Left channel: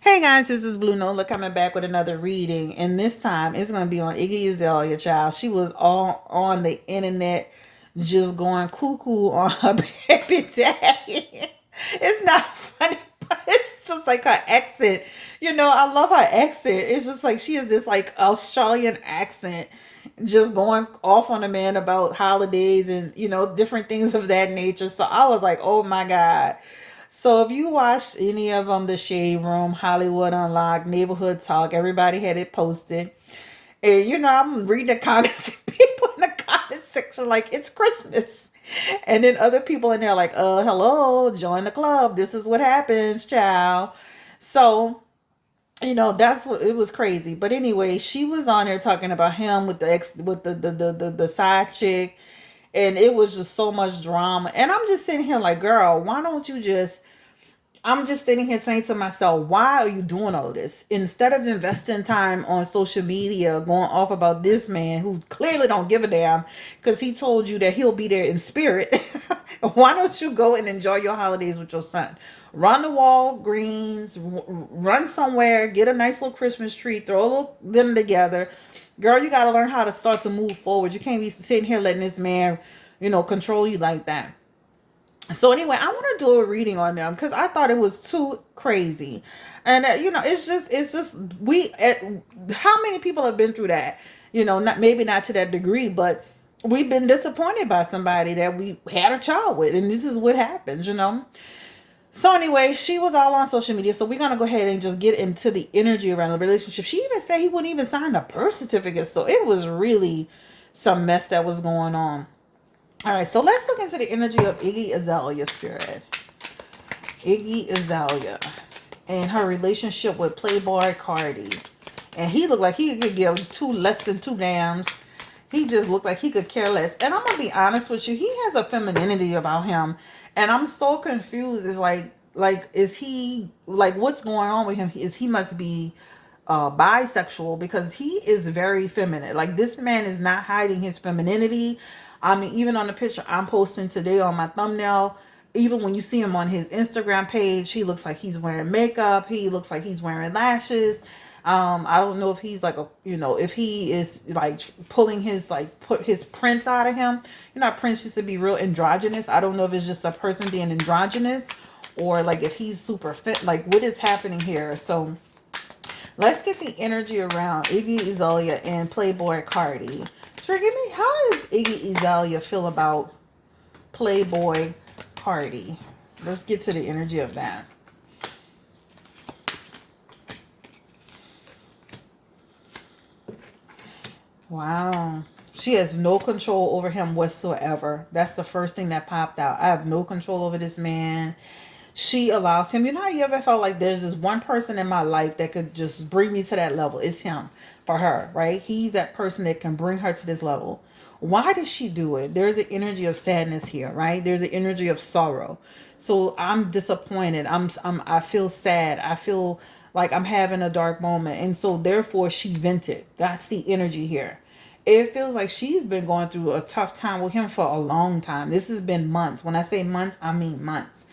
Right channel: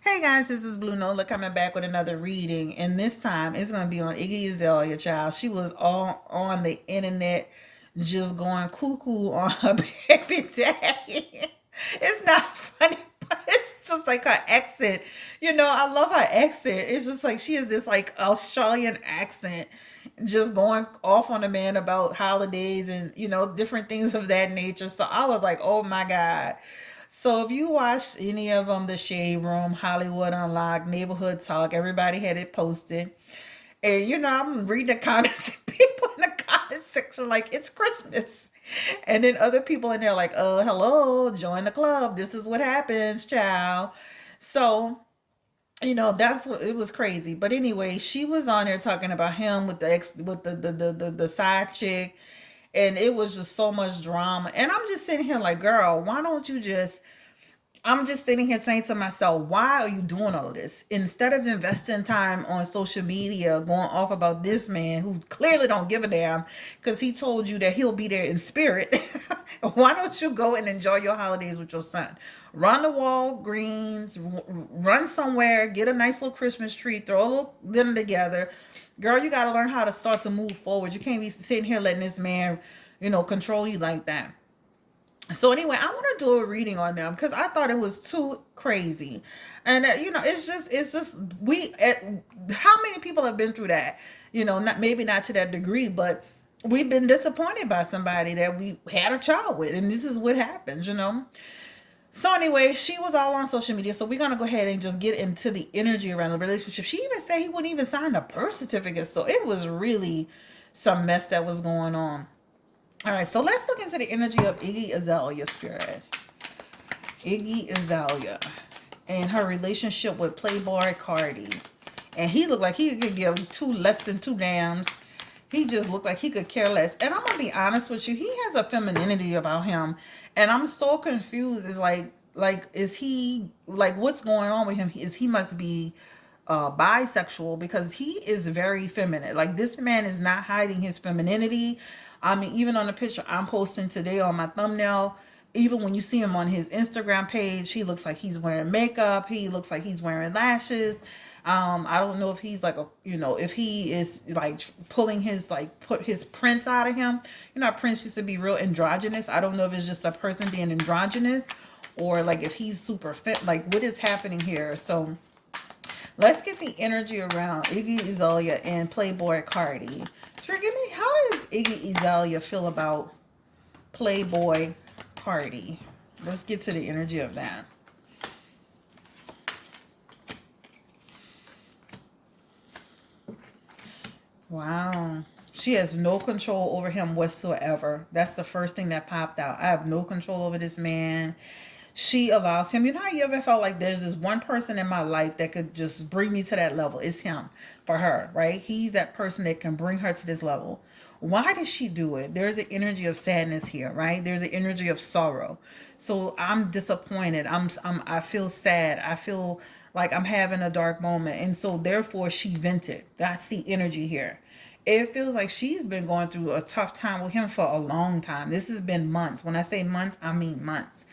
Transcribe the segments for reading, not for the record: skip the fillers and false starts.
Hey guys, this is Blue Nola coming back with another reading, and this time it's going to be on Iggy Azalea, child. She was all on the internet just going cuckoo on her baby daddy. It's not funny, but it's just like her accent. I love her accent. It's just like she has this like Australian accent just going off on a man about holidays and different things of that nature. So I was like, oh my God. So if you watched any of them, The Shade Room, Hollywood Unlocked, Neighborhood Talk, everybody had it posted. And I'm reading the comments, and people in the comment section like it's Christmas. And then other people in there like, hello, join the club. This is what happens, child. So that's what it was crazy. But anyway, she was on there talking about him with the ex with the side chick, and it was just so much drama. And I'm just sitting here like, girl, why don't you just I'm just sitting here saying to myself, why are you doing all of this? Instead of investing time on social media going off about this man who clearly don't give a damn because he told you that he'll be there in spirit, why don't you go and enjoy your holidays with your son? Run to Walgreens, run somewhere, get a nice little Christmas tree, throw a little them together. Girl, you got to learn how to start to move forward. You can't be sitting here letting this man, control you like that. So anyway, I want to do a reading on them because I thought it was too crazy, and it's just we. How many people have been through that? Not maybe not to that degree, but we've been disappointed by somebody that we had a child with, and this is what happens. So anyway, she was all on social media, so we're gonna go ahead and just get into the energy around the relationship. She even said he wouldn't even sign a birth certificate, so it was really some mess that was going on. All right, so let's look into the energy of Iggy Azalea spirit. Iggy Azalea and her relationship with Playboy Carti. And he looked like he could give two less than two dams. He just looked like he could care less. And I'm gonna be honest with you, he has a femininity about him. And I'm so confused. Is like is he like what's going on with him? Is he must be bisexual because he is very feminine. Like this man is not hiding his femininity. I mean, even on the picture I'm posting today on my thumbnail, even when you see him on his Instagram page, he looks like he's wearing makeup. He looks like he's wearing lashes. I don't know if he's like if he is like pulling his like put his prince out of him. Prince used to be real androgynous. I don't know if it's just a person being androgynous or like if he's super fit. Like what is happening here? So let's get the energy around Iggy Azalea and Playboy Carti. So forgive me, how does Iggy Azalea feel about Playboy Carti? Let's get to the energy of that. Wow. She has no control over him whatsoever. That's the first thing that popped out. I have no control over this man. She allows him. You know how you ever felt like there's this one person in my life that could just bring me to that level? It's him for her, right? He's that person that can bring her to this level. Why does she do it? There's an energy of sadness here, right? There's an energy of sorrow. So I'm disappointed. I feel sad. I feel like I'm having a dark moment. And so therefore she vented. That's the energy here. It feels like she's been going through a tough time with him for a long time. This has been months. When I say months, I mean months.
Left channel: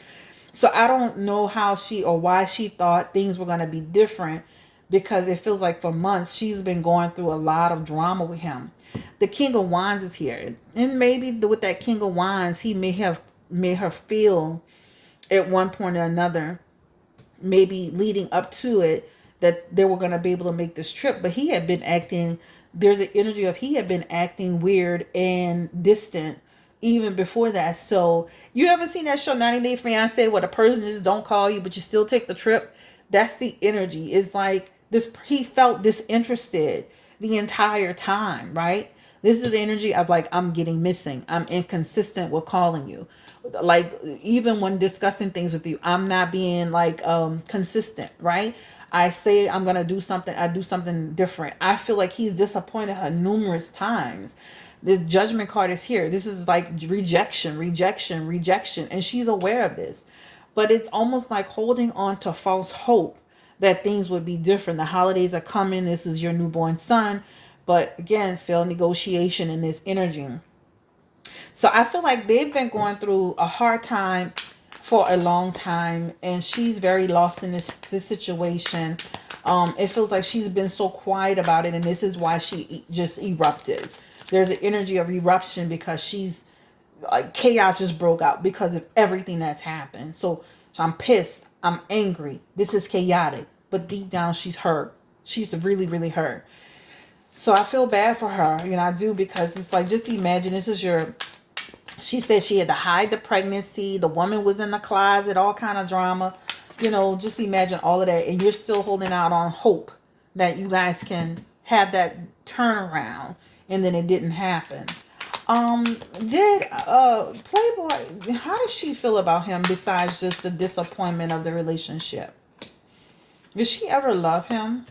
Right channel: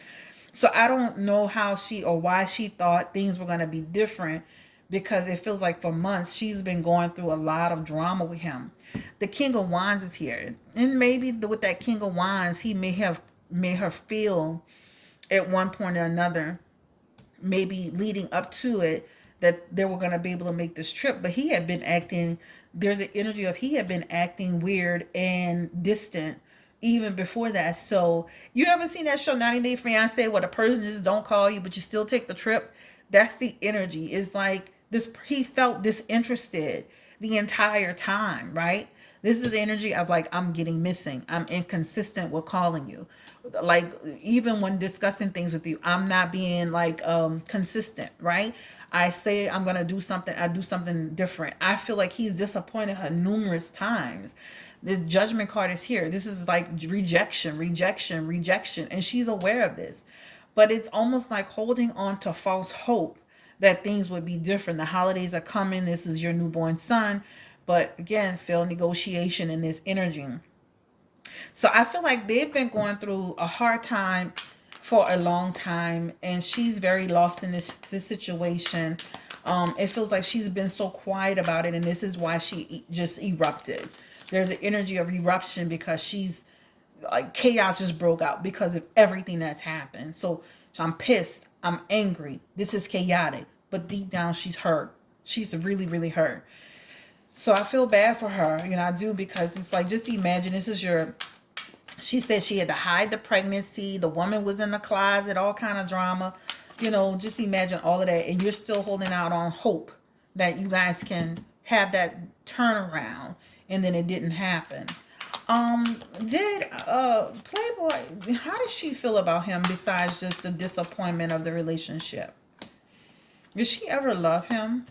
So I don't know how she or why she thought things were going to be different because it feels like for months she's been going through a lot of drama with him. The King of Wands is here. And maybe with that King of Wands, he may have made her feel at one point or another, maybe leading up to it, that they were going to be able to make this trip. But he had been acting, there's an energy of he had been acting weird and distant even before that. So you ever seen that show 90 Day Fiance where the person just don't call you but you still take the trip? That's the energy. It's like this, he felt disinterested the entire time, right? This is the energy of like, I'm getting missing, I'm inconsistent with calling you, like even when discussing things with you, I'm not being like consistent, right? I say I'm gonna do something, I do something different. I feel like he's disappointed her numerous times. This judgment card is here. This is like rejection, rejection, rejection. And she's aware of this. But it's almost like holding on to false hope that things would be different. The holidays are coming. This is your newborn son. But again, failed negotiation in this energy. So I feel like they've been going through a hard time for a long time, and she's very lost in this situation. It feels like she's been so quiet about it, and this is why she just erupted. There's an energy of eruption because she's like chaos just broke out because of everything that's happened. So I'm pissed. I'm angry. This is chaotic, but deep down she's hurt. She's really, really hurt. So I feel bad for her, I do, because it's like, just imagine this is your. She said she had to hide the pregnancy. The woman was in the closet, all kind of drama. Just imagine all of that. And you're still holding out on hope that you guys can have that turnaround. And then it didn't happen. Did Playboy, how does she feel about him besides just the disappointment of the relationship? Did she ever love him?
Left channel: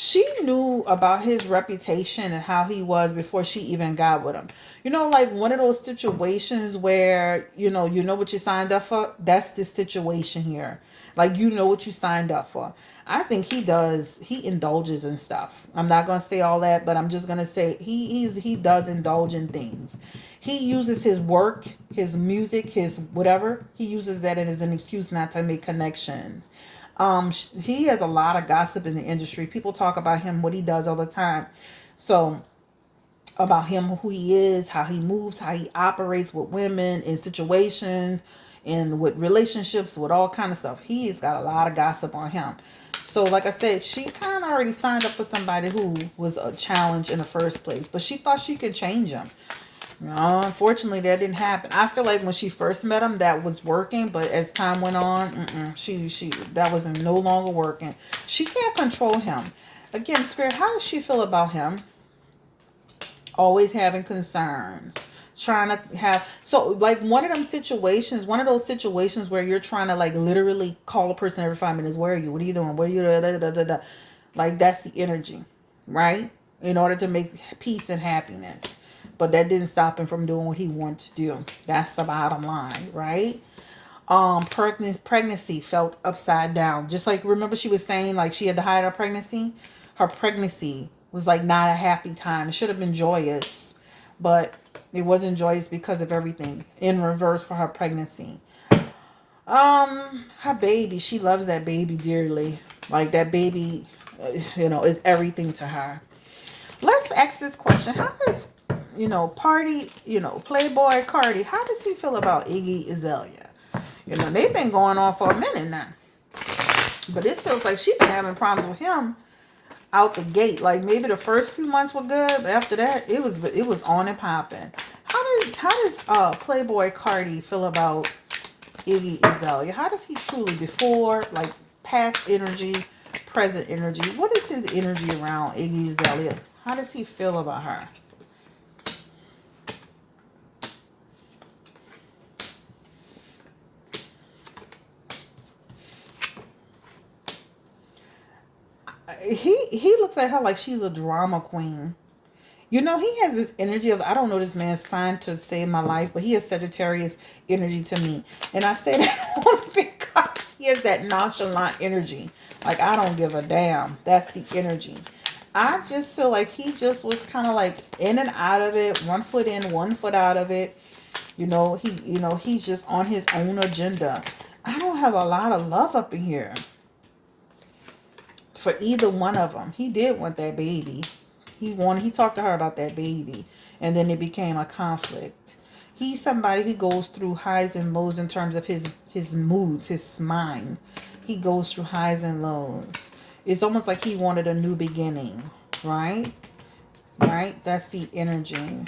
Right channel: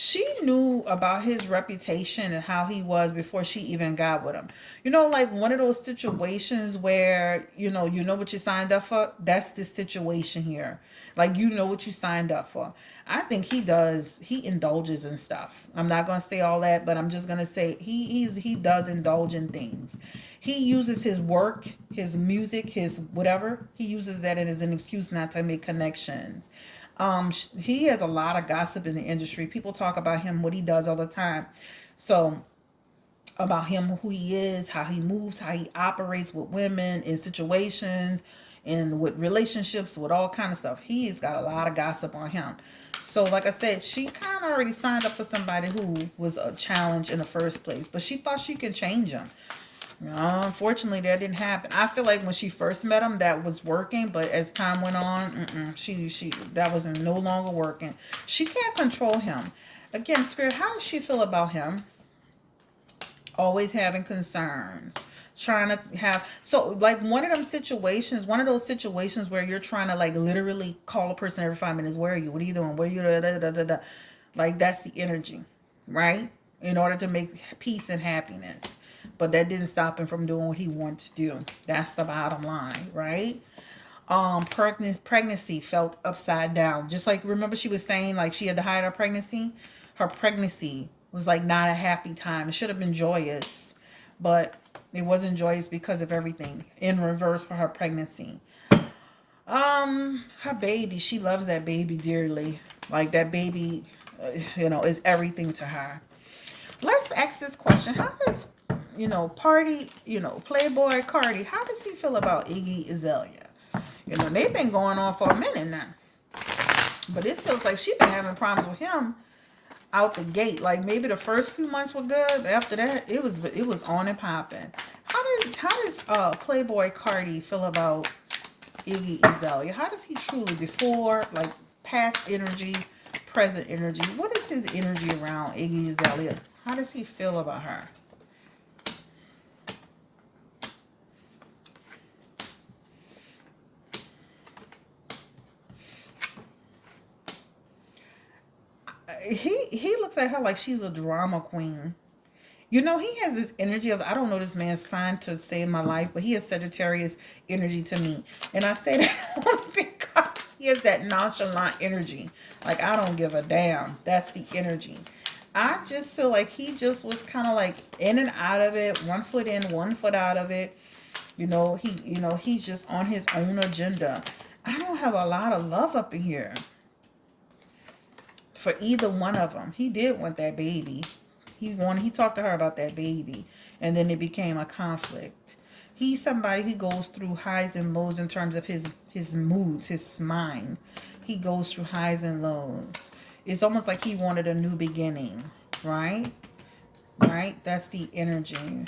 She knew about his reputation and how he was before she even got with him. Like one of those situations where, you know what you signed up for? That's the situation here. Like, what you signed up for. I think he indulges in stuff. I'm not going to say all that, but I'm just going to say he does indulge in things. He uses his work, his music, his whatever. He uses that as an excuse not to make connections. He has a lot of gossip in the industry. People talk about him, what he does all the time. So about him, who he is, how he moves, how he operates with women in situations and with relationships, with all kind of stuff. He's got a lot of gossip on him. So like I said, she kind of already signed up for somebody who was a challenge in the first place, but she thought she could change him. No, unfortunately, that didn't happen. I feel like when she first met him, that was working, but as time went on, she that was no longer working. She can't control him. Again, Spirit, how does she feel about him? Always having concerns, trying to have, so like one of those situations where you're trying to like literally call a person every 5 minutes. Where are you? What are you doing? Where are you? Da, da, da, da, da. Like, that's the energy, right? In order to make peace and happiness. But that didn't stop him from doing what he wanted to do. That's the bottom line, right? Pregnancy felt upside down. Just like, remember she was saying like she had to hide her pregnancy? Her pregnancy was like not a happy time. It should have been joyous, but it wasn't joyous because of everything in reverse for her pregnancy. Her baby, she loves that baby dearly. Like that baby, is everything to her. Let's ask this question. How does, Playboy Carti, how does he feel about Iggy Azalea? They've been going on for a minute now. But it feels like she's been having problems with him out the gate. Like maybe the first few months were good, but after that, it was on and popping. How does Playboy Carti feel about Iggy Azalea? How does he truly, before, like past energy, present energy? What is his energy around Iggy Azalea? How does he feel about her? He looks at her like she's a drama queen. He has this energy of, I don't know this man's sign to say in my life, but he has Sagittarius energy to me. And I say that only because he has that nonchalant energy. Like, I don't give a damn. That's the energy. I just feel like he just was kind of like in and out of it, 1 foot in, 1 foot out of it. He's just on his own agenda. I don't have a lot of love up in here for either one of them. He did want that baby. He talked to her about that baby, and then it became a conflict. He's somebody who goes through highs and lows in terms of his moods, his mind. He goes through highs and lows. It's almost like he wanted a new beginning, right? Right? That's the energy.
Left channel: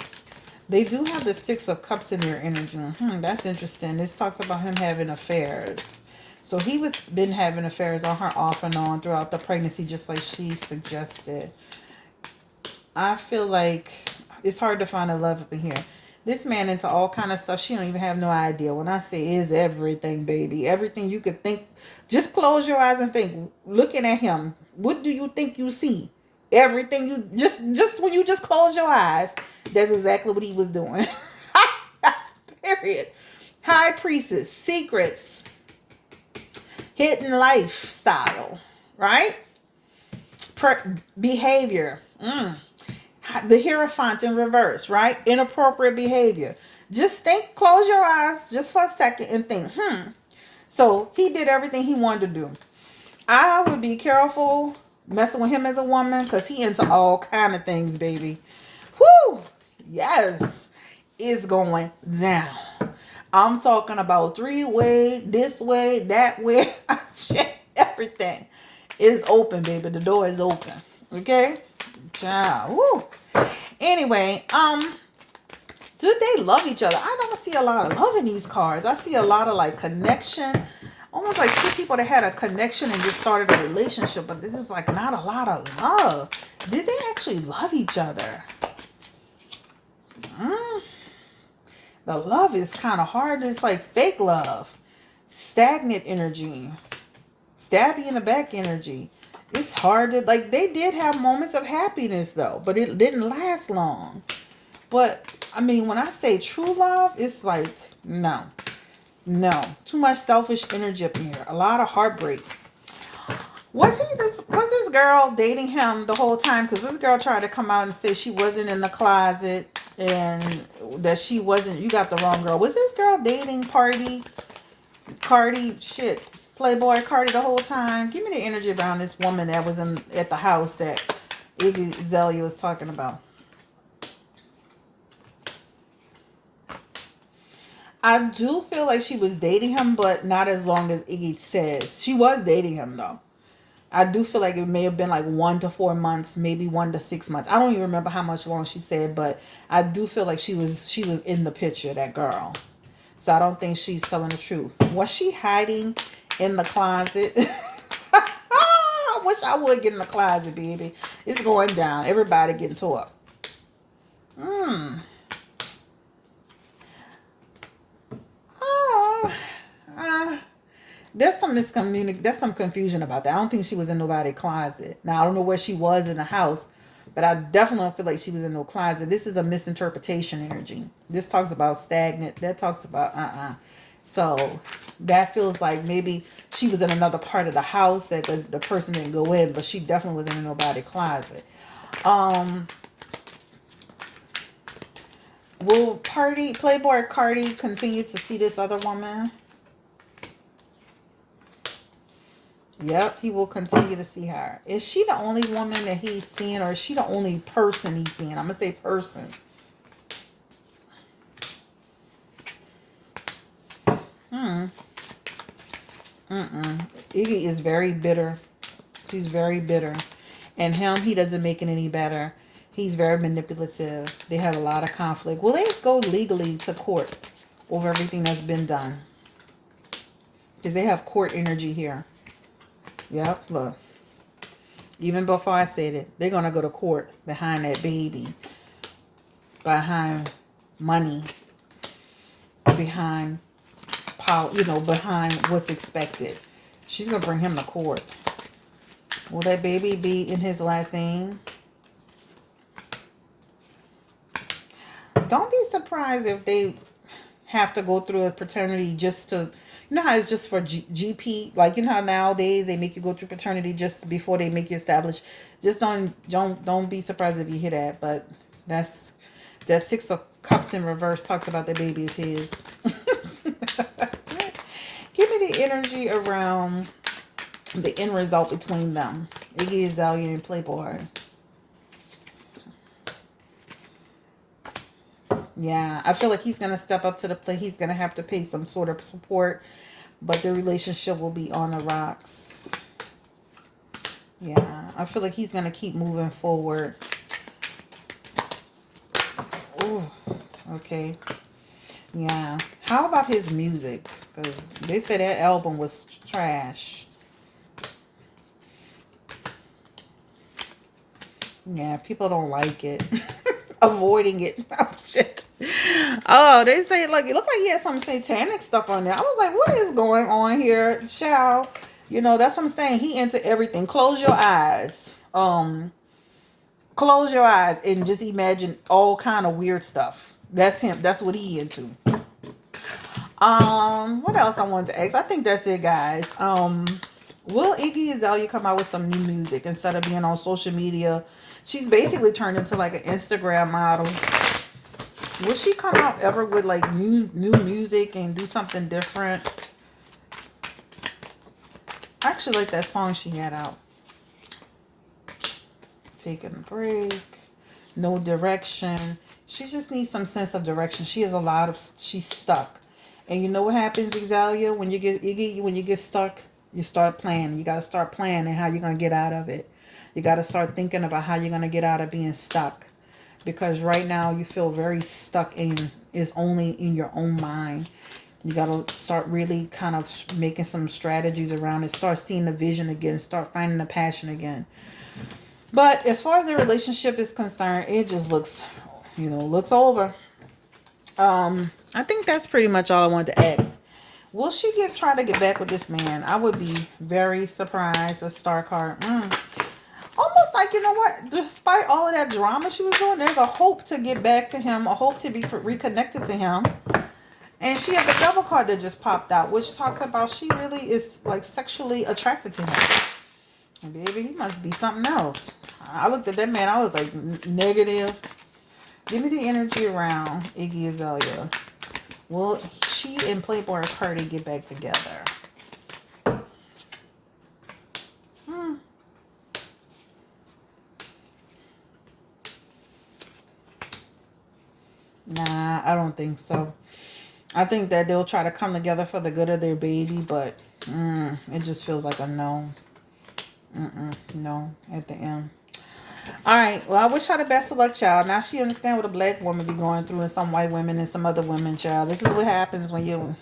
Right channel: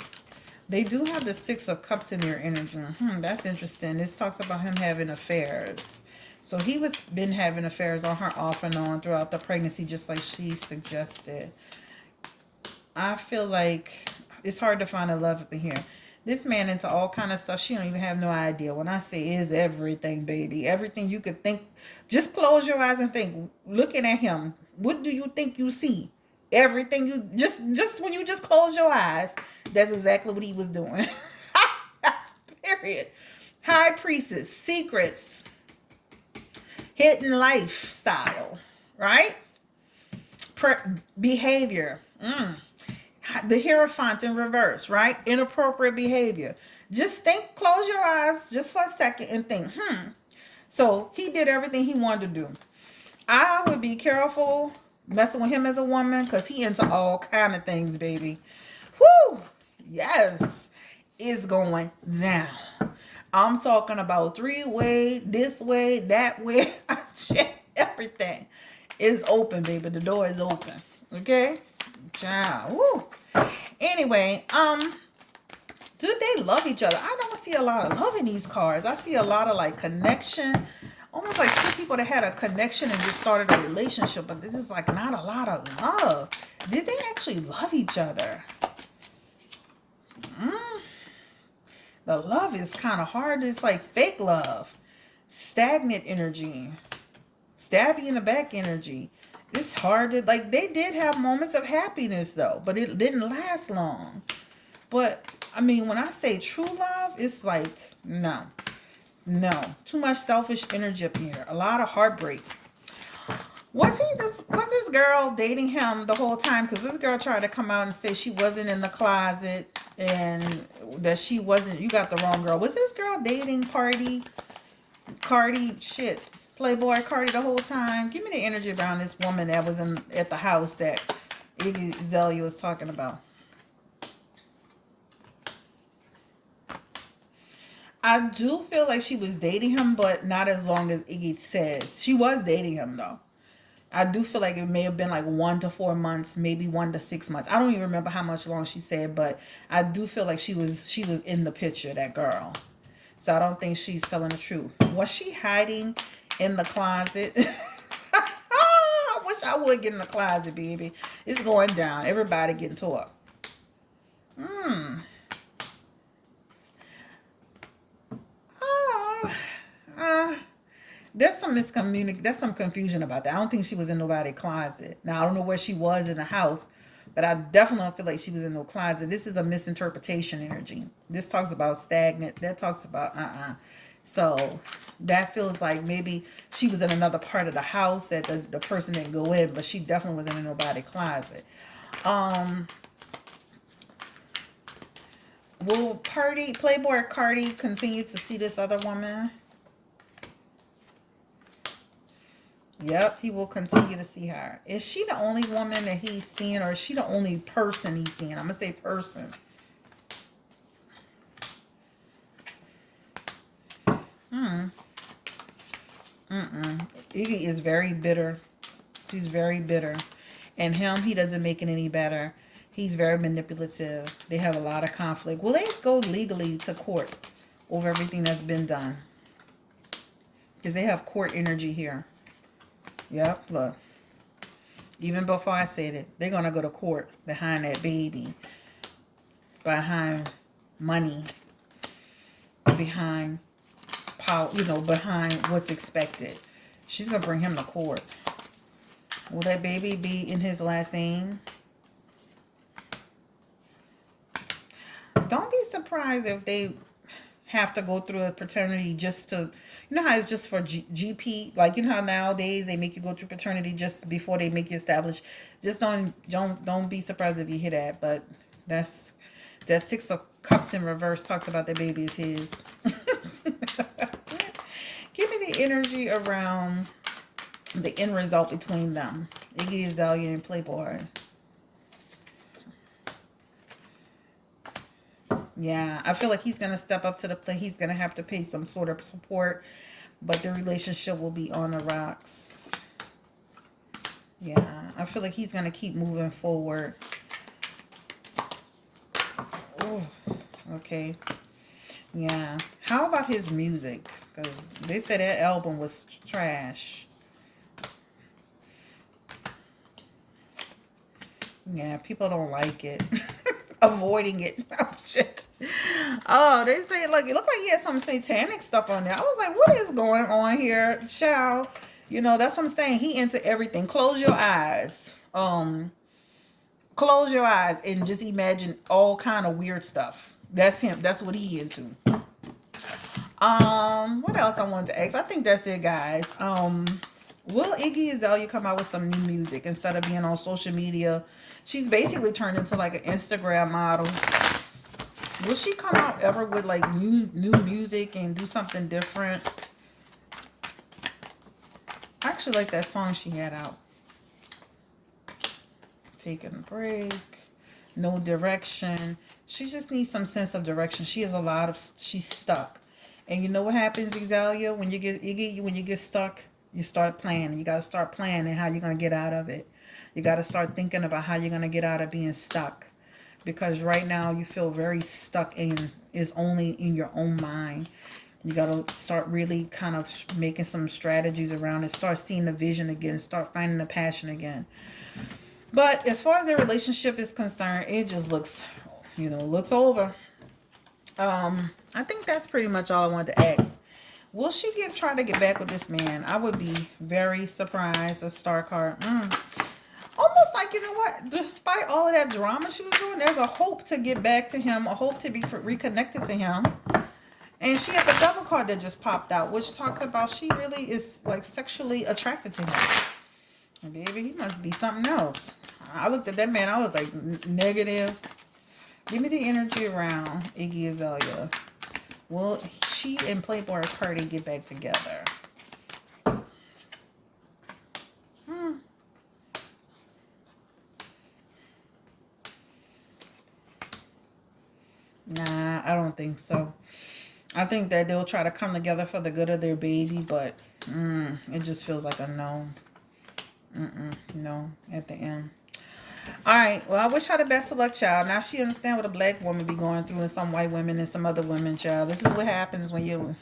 They do have the 6 of Cups in their energy. That's interesting. This talks about him having affairs. So he was been having affairs on her off and on throughout the pregnancy, just like she suggested. I feel like it's hard to find a love up in here. This man into all kind of stuff. She don't even have no idea. When I say is everything, baby. Everything you could think. Just close your eyes and think. Looking at him. What do you think you see? Everything you... Just when you just close your eyes. That's exactly what he was doing. That's period. High Priestess. Secrets. Hidden lifestyle. Right? Behavior. The Hierophant in reverse, right? Inappropriate behavior. Just think, close your eyes just for a second and think, So he did everything he wanted to do. I would be careful messing with him as a woman because he into all kind of things, baby. Whoo! Yes. It's going down. I'm talking about three-way, this way, that way. Shit, everything is open, baby. The door is open. Okay? Ciao. Woo. Anyway, do they love each other? I don't see a lot of love in these cards. I see a lot of like connection. Almost like two people that had a connection and just started a relationship, but this is like not a lot of love. Did they actually love each other? The love is kind of hard. It's like fake love. Stagnant energy. Stab you in the back energy. It's hard to, like, they did have moments of happiness though, but it didn't last long. But I mean, when I say true love, it's like, no. Too much selfish energy up here. A lot of heartbreak. Was this girl dating him the whole time? Because this girl tried to come out and say she wasn't in the closet and that she wasn't. You got the wrong girl. Was this girl dating Carti? Shit. Playboy Carti the whole time? Give me the energy around this woman that was at the house that Iggy Azalea was talking about. I do feel like she was dating him, but not as long as Iggy says. She was dating him though. I do feel like it may have been like 1 to 4 months, maybe 1 to 6 months. I don't even remember how much long she said, but I do feel like she was in the picture, that girl. So I don't think she's telling the truth. Was she hiding in the closet? I wish I would get in the closet, baby. It's going down. Everybody getting tore up. There's some there's some confusion about that. I don't think she was in nobody's closet. Now, I don't know where she was in the house, but I definitely don't feel like she was in no closet. This is a misinterpretation energy. This talks about stagnant. That talks about So that feels like maybe she was in another part of the house that the person didn't go in, but she definitely wasn't in nobody's closet. Will Playboy Carti continue to see this other woman? Yep, he will continue to see her. Is she the only woman that he's seeing, or is she the only person he's seeing? I'm going to say person. Iggy is very bitter. She's very bitter. And him, he doesn't make it any better. He's very manipulative. They have a lot of conflict. Will they go legally to court over everything that's been done? Because they have court energy here. Yep, look. Even before I said it, they're going to go to court behind that baby. Behind money. Behind power, behind what's expected. She's going to bring him to court. Will that baby be in his last name? Don't be surprised if they have to go through a paternity just to... You know how it's just for GP, like you know how nowadays they make you go through paternity just before they make you establish. Just don't be surprised if you hear that. But that 6 of Cups in reverse talks about the baby is his. Give me the energy around the end result between them. Iggy Azalea and Playboy. Yeah, I feel like he's going to step up to the plate. He's going to have to pay some sort of support, but the relationship will be on the rocks. Yeah, I feel like he's going to keep moving forward. Oh, okay. Yeah. How about his music? Because they said that album was trash. Yeah, people don't like it. Avoiding it. Oh, shit. Oh, they say, like, it looked like he had some satanic stuff on there. I was like, what is going on here, child? That's what I'm saying. He into everything. Close your eyes. Close your eyes and just imagine all kind of weird stuff. That's him. That's what he into. What else I wanted to ask? I think that's it, guys. Will Iggy Azalea come out with some new music instead of being on social media She's basically turned into like an Instagram model. Will she come out ever with like new music and do something different? I actually like that song she had out. Taking a break. No direction. She just needs some sense of direction. She has a lot of, she's stuck. And you know what happens, Exalia? When you get stuck, you start planning. You gotta start planning how you're gonna get out of it. You gotta start thinking about how you're gonna get out of being stuck. Because right now you feel very stuck in is only in your own mind. You got to start really kind of making some strategies around it. Start seeing the vision again. Start finding the passion again. But as far as their relationship is concerned, it just looks, looks over. I think that's pretty much all I wanted to ask. Will she try to get back with this man? I would be very surprised. A star card. Almost like, you know what? Despite all of that drama she was doing, there's a hope to get back to him. A hope to be reconnected to him. And she had the devil card that just popped out, which talks about she really is like sexually attracted to him. Baby, he must be something else. I looked at that man, I was like, negative. Give me the energy around Iggy Azalea. Will she and Playboy Carti get back together? Nah, I don't think so. I think that they'll try to come together for the good of their baby, but it just feels like a no. No at the end. All right. Well, I wish her the best of luck, child. Now she understand what a black woman be going through and some white women and some other women, child. This is what happens when you,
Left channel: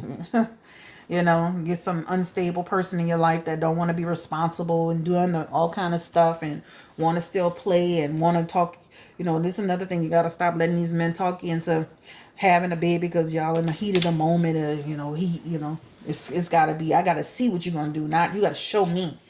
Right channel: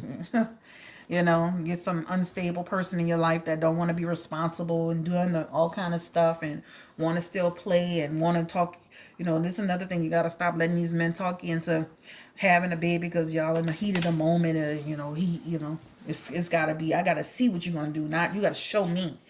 get some unstable person in your life that don't want to be responsible and doing all kind of stuff and want to still play and want to talk. This is another thing. You got to stop letting these men talk you into having a baby because y'all in the heat of the moment. It's got to be, I got to see what you're going to do. Not, you got to show me.